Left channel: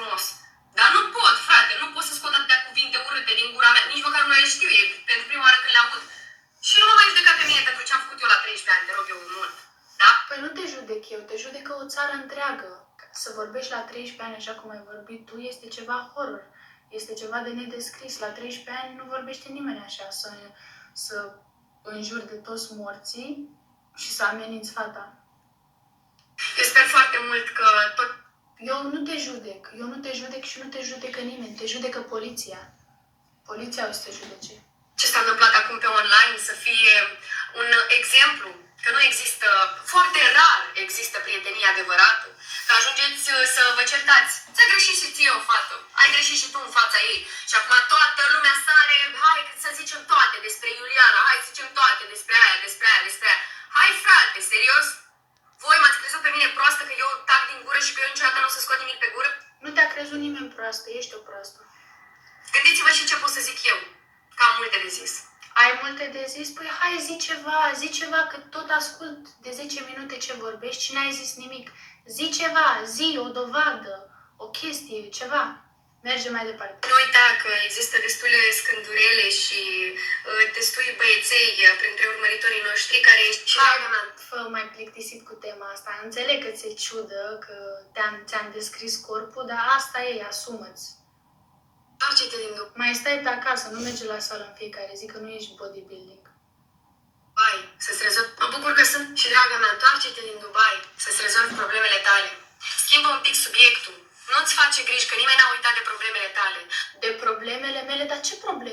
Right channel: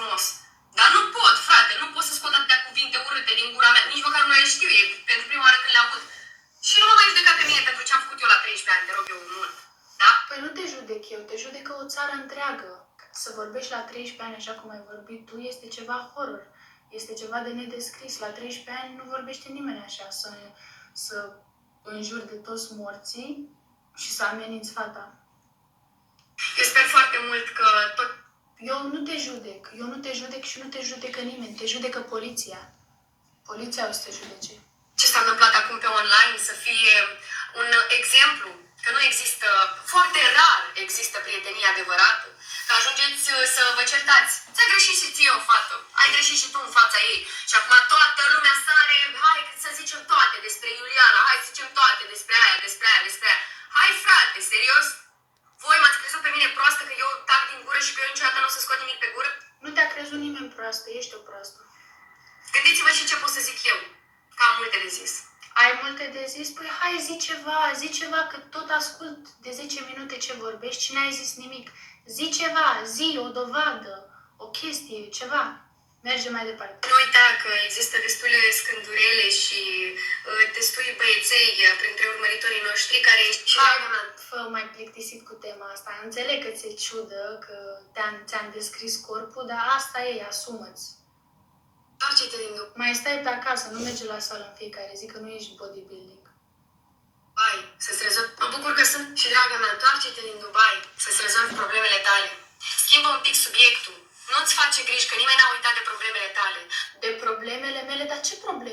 frumos. Dar nu pot, frate, nu pot să scot atâtea cuvinte urâte din gura mea, nici măcar nu le știu, e pentru prima oară când le aud. Și nu mă mai judeca pe mine pentru ce am făcut eu la 13 ani, te rog eu mult. Da? Păi nu te judec eu, te judecă o țară întreagă. Să vorbești la 13 ani așa cum ai vorbit tu este ceva horror. Este ceva de nedescris. La 13 ani nu vorbește nimeni așa, să înjuri de toți morții și să ameninți fata. Eu sper foarte mult că tot... Eu nu te judec și nu te judecă nimeni, te judecă poliția. Poliția o să te judece. Ce s-a întâmplat acum pe online să fie un exemplu, că nu există, foarte rar există prietenie adevărată, că ajungeți să vă certați. Ți-a greșit și ție o fată, ai greșit și tu în fața ei și acum toată lumea sare, hai să zicem toate despre Iuliana, hai să zicem toate despre aia, despre aia, despre aia. Hai frate, serios? Voi m-ați crezut pe mine proastă că eu tac din gură și că eu niciodată nu o să scot nimic pe gură? Nu te-a crezut nimeni proastă, ești o proastă. Gândiți-vă și ce pot să zic eu, că am multe de zis. Ai multe de zis? Păi hai, zi ceva, că tot ascult de 10 minute ce vorbești și n-ai zis nimic. Zi ceva, zi o dovadă, o chestie, ceva. Merge mai departe. Nu uita că există destule scândurele și destui băieței printre urmăritorii noștri care... Hai, fă mai plictisit cu tema asta. Înțeleg că ți-e ciudă, că ți-am descris corpul, dar asta e, asumă-ți. Întoarce-te din după. Mai stai pe acasă, nu mergi la sală în fiecare zi, că nu ești bodybuilding. Dubai, să-ți rezolvi... Mă bucur că sunt și, draga mea, întoarce-te din Dubai să-ți rezolvi problemele tale. Schimbă un pic subiectul. Nu-ți face griji că nimeni n-a uitat de problemele tale. De problemele mele? Dar ce probleme?